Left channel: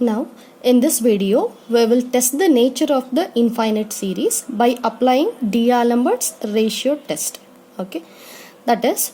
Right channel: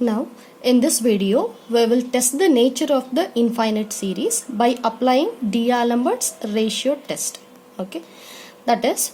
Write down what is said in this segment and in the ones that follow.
Now, in this video, we will test the nature of the infinite series by applying D'Alembert's ratio test. Okay, that is,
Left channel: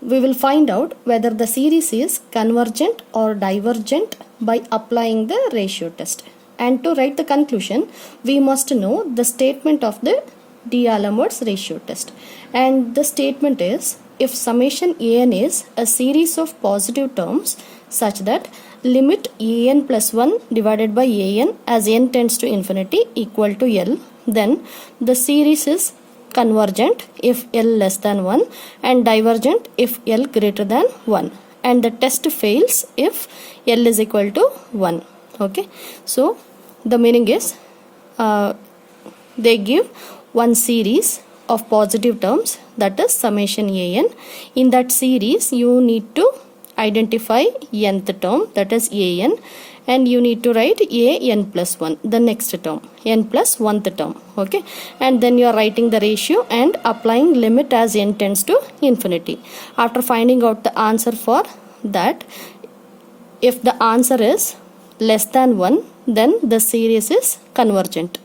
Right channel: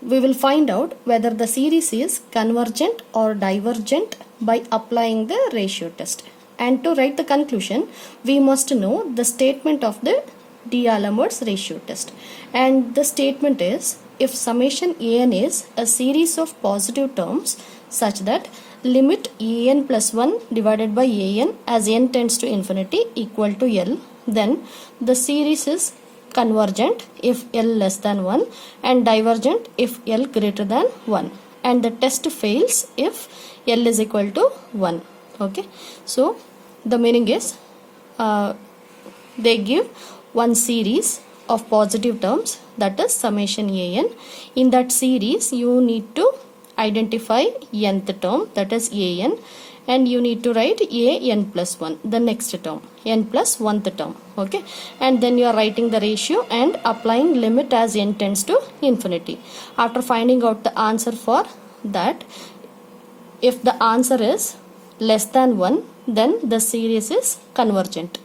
we will find out whether the series is convergent or divergent by applying the ratio test. And to write the conclusion, we must know the statement of the D'Alembert's ratio test. And the statement is, if summation an is a series of positive terms such that limit an plus 1 divided by an as n tends to infinity equal to L, then the series is convergent if L less than 1 and divergent if L greater than 1, and the test fails if L is equal to 1. Okay, so the meaning is they give one series of positive terms, that is summation an. In that series you need to identify nth term, that is an, and you need to write an plus 1, the next term, n plus 1th term. Okay, and then you are writing the ratio and applying limit as n tends to infinity. After finding out the answer for that, if the answer is less than 1, then the series is convergent,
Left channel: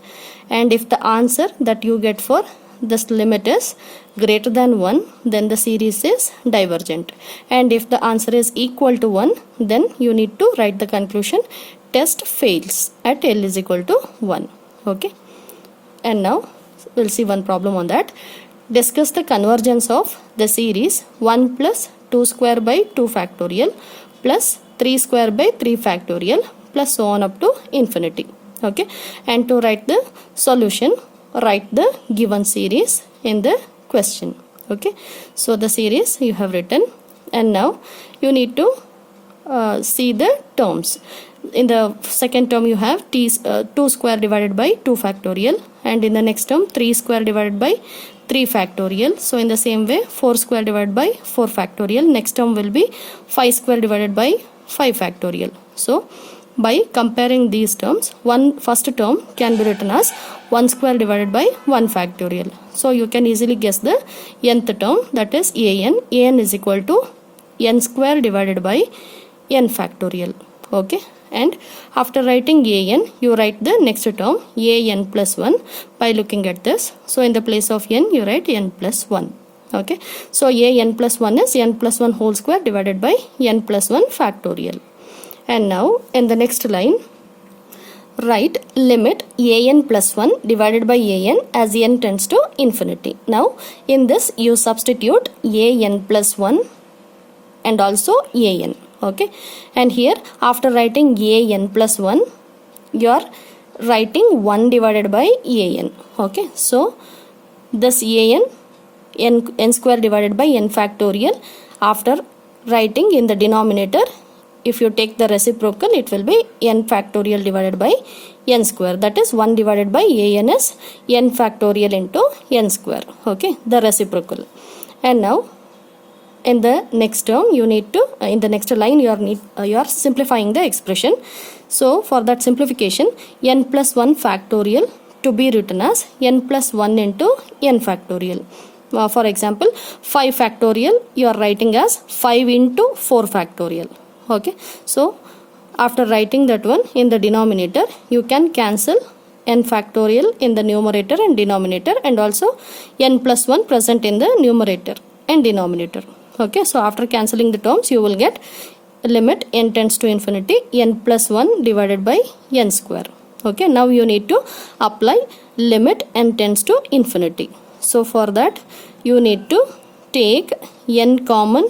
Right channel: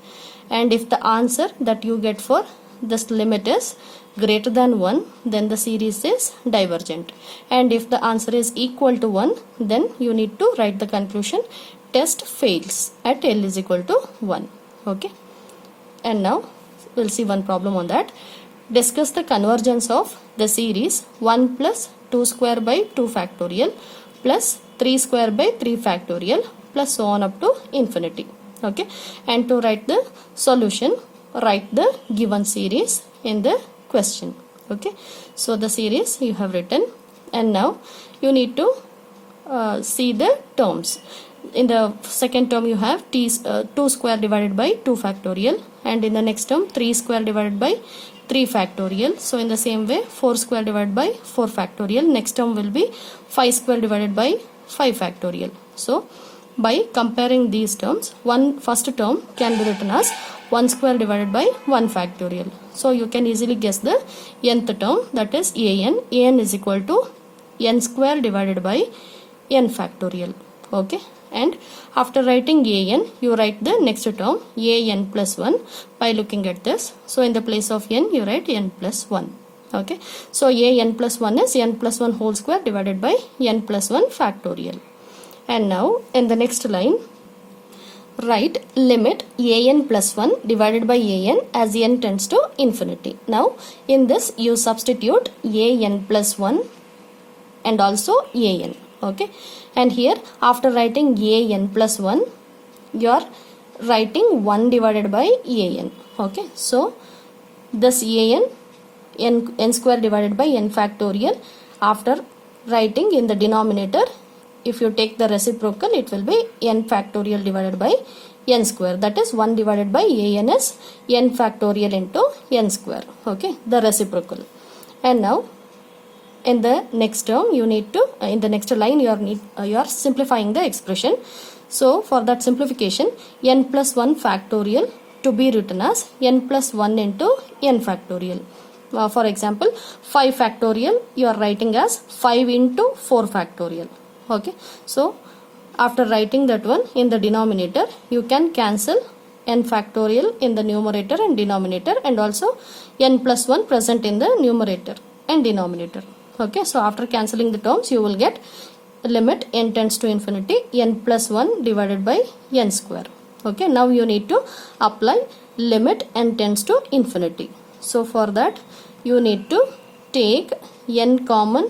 and if the answer that you get for this limit is greater than 1, then the series is divergent, and if the answer is equal to 1, then you need to write the conclusion test fails at L is equal to 1. Okay, and now we'll see one problem on that. Discuss the convergence of the series 1 plus 2 square by 2 factorial plus 3 square by 3 factorial plus so on up to infinity. Okay, and to write the solution, write the given series in the question. Okay, so the series you have written, and now you need to see the terms. In the second term you have 2 square divided by 2 factorial, and in the next term 3 square divided by 3 factorial. So in the same way 4 square divided by 4 factorial. Next term will be 5 square divided by 5 factorial. So by comparing these terms, first term can be written as 1 square divided by 1 factorial. So you can easily guess the nth term, that is an. An is equal to n square divided by n factorial. Okay, and after writing an, you write the next term an plus 1 by looking at this. So in the place of n, you write n plus 1. Okay, so an plus 1 is n plus 1 whole square divided by n plus 1 factorial. And now in the next line, write limit an plus 1 divided by an as n tends to infinity. Now in this you substitute an plus 1 and also an. Okay, and here after writing an plus 1, you are writing 1 divided by an. Okay, so this n square divided by n factorial, after writing in the denominator, if you take the reciprocal, it will be n factorial divided by n square, that is 1 divided by an is n factorial into n square. Okay, the reciprocal. And now in the next term you need to in the next line you are simplifying the expression. So for that simplification, n plus 1 factorial to be written as n plus 1 into n factorial. For example, 5 factorial you are writing as 5 into 4 factorial. Okay, so after writing that one in the denominator, you can cancel n factorial in the numerator and denominator, and also n plus 1 present in the numerator and denominator. Okay, so after cancelling the terms, you will get limit n tends to infinity n plus 1 divided by n square. Okay, now you need to apply limit n tends to infinity. So for that you need to take n common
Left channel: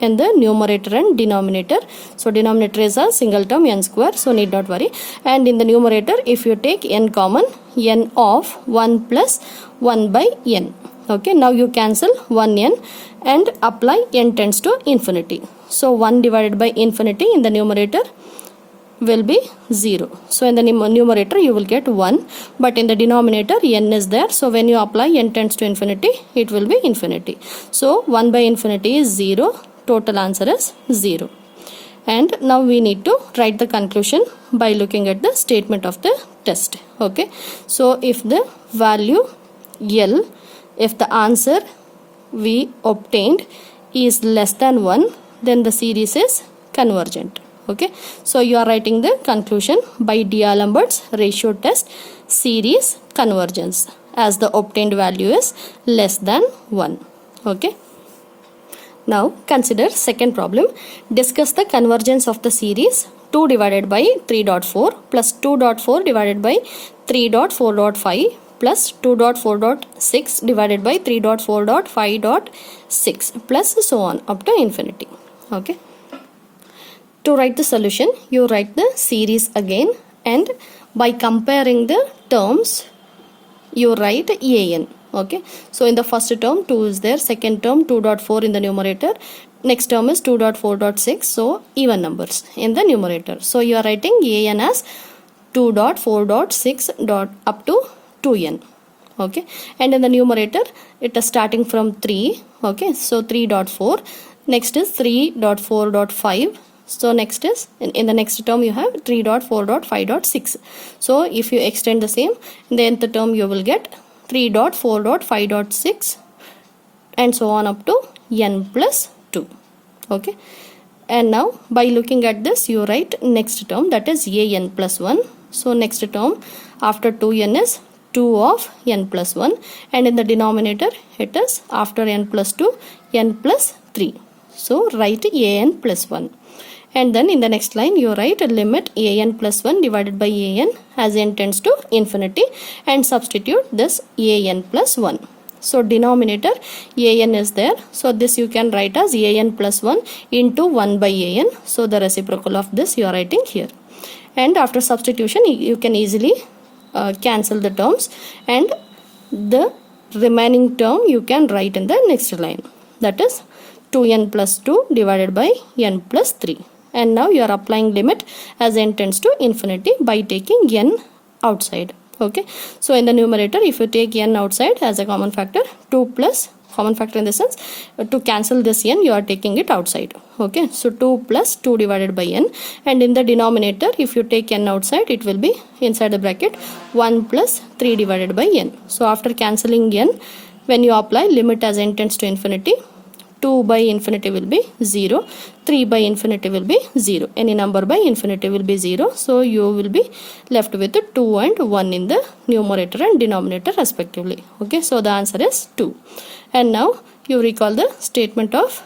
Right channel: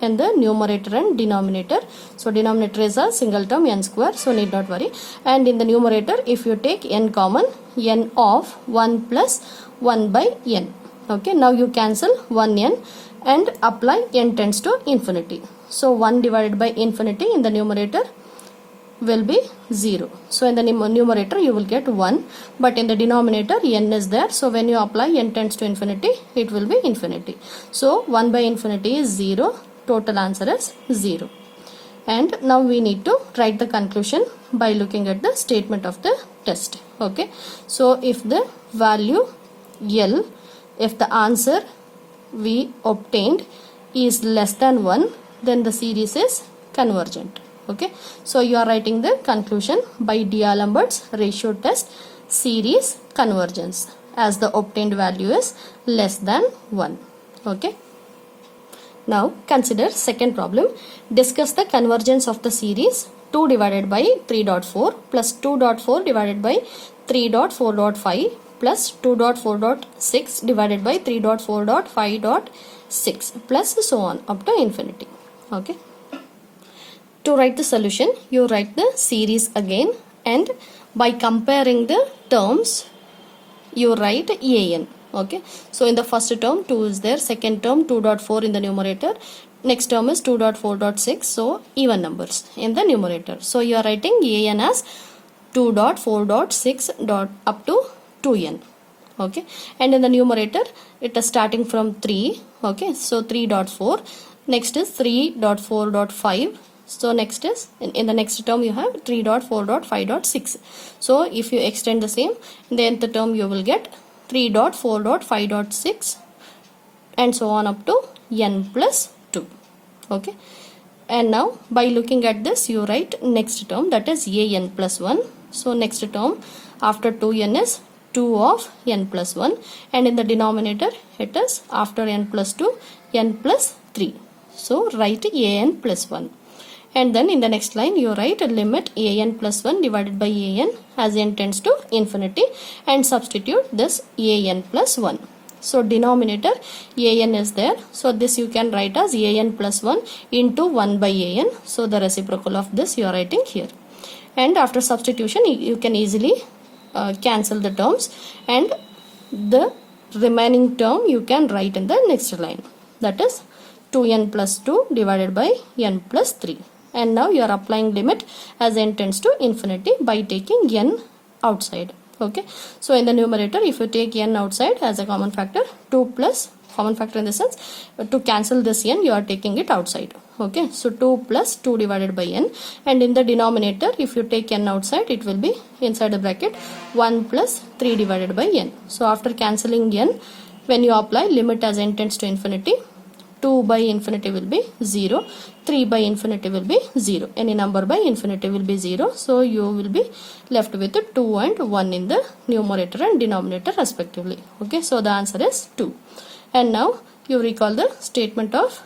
in the numerator and denominator. So denominator is a single term n square, so need not worry. And in the numerator, if you take n common, n of 1 plus 1 by n. Okay, now you cancel 1n and apply n tends to infinity. So 1 divided by infinity in the numerator will be 0. So in the numerator you will get 1, but in the denominator n is there. So when you apply n tends to infinity, it will be infinity. So 1 by infinity is 0. Total answer is 0. And now we need to write the conclusion by looking at the statement of the test. Okay, so if the value L, if the answer we obtained is less than 1, then the series is convergent. Okay, so you are writing the conclusion by D'Alembert's ratio test series convergence as the obtained value is less than 1. Okay, now consider second problem. Discuss the convergence of the series 2 divided by 3.4 plus 2.4 divided by 3.4.5 plus 2.4.6 divided by 3.4.5.6 plus so on up to infinity. Okay, to write the solution, you write the series again, and by comparing the terms you write an. Okay, so in the first term 2 is there, second term 2.4 in the numerator, next term is 2.4.6, so even numbers in the numerator. So you are writing an as 2.4.6 up to 2n. Okay, and in the numerator it is starting from 3. Okay, so 3.4, next is 3.4.5. So next is in the next term you have 3.4.5.6. So if you extend the same, in the nth term you will get 3.4.5.6 and so on up to n plus 2. Okay, and now by looking at this you write next term, that is an plus 1. So next term after 2n is 2 of n plus 1, and in the denominator it is after n plus 2 n plus 3. So write an plus 1. And then in the next line you write limit an plus 1 divided by an as n tends to infinity and substitute this an plus 1. So denominator an is there, so this you can write as an plus 1 into 1 by an. So the reciprocal of this you are writing here, and after substitution you can easily cancel the terms, and the remaining term you can write in the next line, that is 2n plus 2 divided by n plus 3. And now you are applying limit as n tends to infinity by taking n outside. Okay, so in the numerator if you take n outside as a common factor, 2 plus common factor in the sense to cancel this n you are taking it outside. Okay, so 2 plus 2 divided by n, and in the denominator if you take n outside it will be inside the bracket 1 plus 3 divided by n. So after cancelling n, when you apply limit as n tends to infinity, 2 by infinity will be 0, 3 by infinity will be 0, any number by infinity will be 0. So you will be left with 2 and 1 in the numerator and denominator respectively. Okay, so the answer is 2. And now you recall the statement of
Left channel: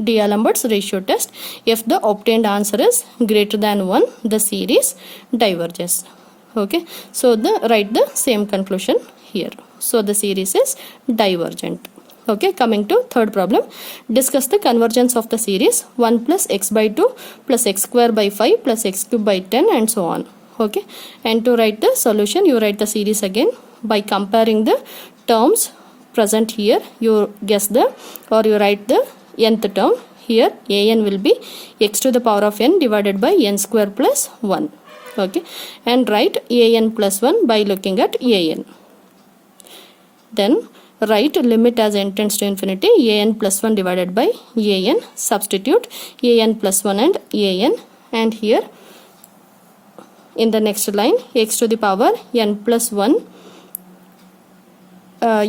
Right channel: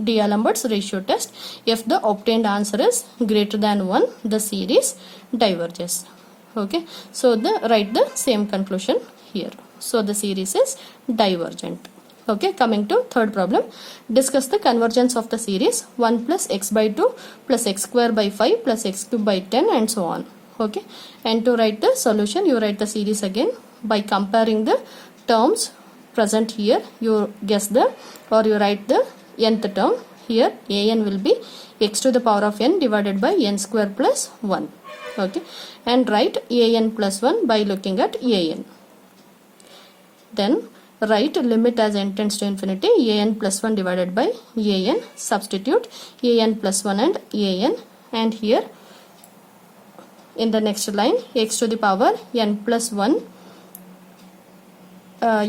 D'Alembert's ratio test. If the obtained answer is greater than 1, the series diverges. Okay, so write the same conclusion here. So the series is divergent. Okay, coming to third problem. Discuss the convergence of the series 1 plus x by 2 plus x square by 5 plus x cube by 10 and so on. Okay, and to write the solution you write the series again by comparing the terms present here. You guess the, or you write the nth term here. An will be x to the power of n divided by n square plus 1. Okay, and write an plus 1 by looking at an. Then write limit as n tends to infinity an plus 1 divided by an, substitute an plus 1 and an, and here in the next line x to the power n plus 1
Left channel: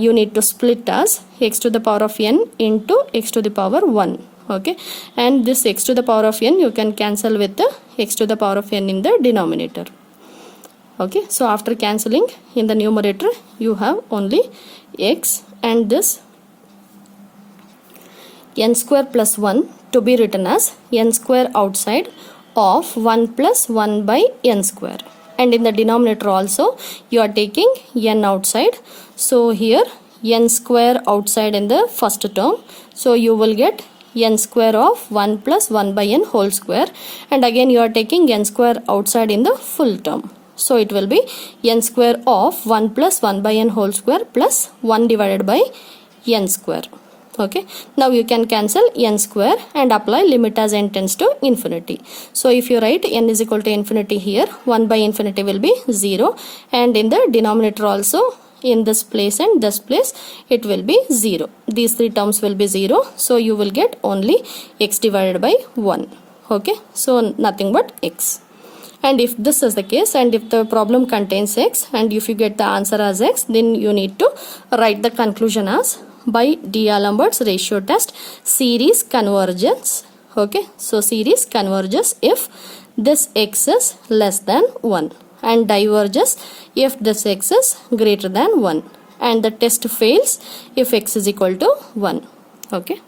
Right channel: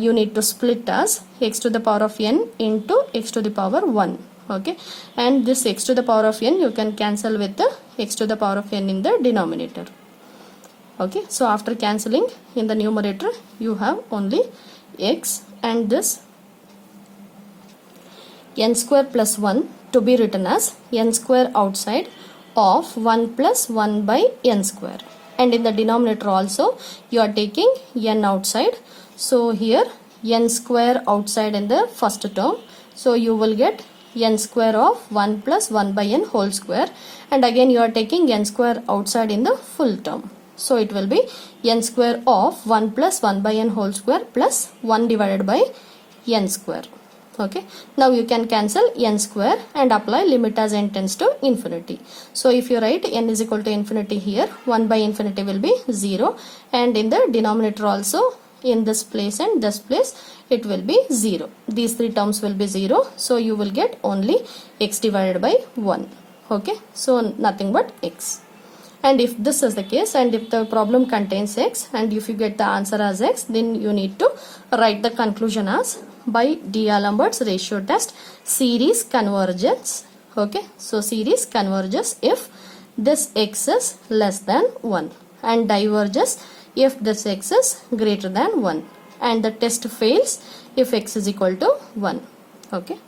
you need to split as x to the power of n into x to the power 1. Okay, and this x to the power of n you can cancel with the x to the power of n in the denominator. Okay, so after cancelling in the numerator you have only x and this n square plus 1 to be written as n square outside of 1 plus 1 by n square, and in the denominator also you are taking n outside. So here n square outside in the first term, so you will get n square of 1 plus 1 by n whole square, and again you are taking n square outside in the full term. So it will be n square of 1 plus 1 by n whole square plus 1 divided by n square. Okay, now you can cancel n square and apply limit as n tends to infinity. So if you write n is equal to infinity here, 1 by infinity will be 0, and in the denominator also in this place and this place it will be 0. These three terms will be 0, so you will get only x divided by 1. Okay, so nothing but x. And if this is the case, and if the problem contains x, and if you get the answer as x, then you need to write the conclusion as by D'Alembert's ratio test series convergence. Okay, so series converges if this x is less than 1 and diverges if this x is greater than 1, and the test fails if x is equal to 1. Okay.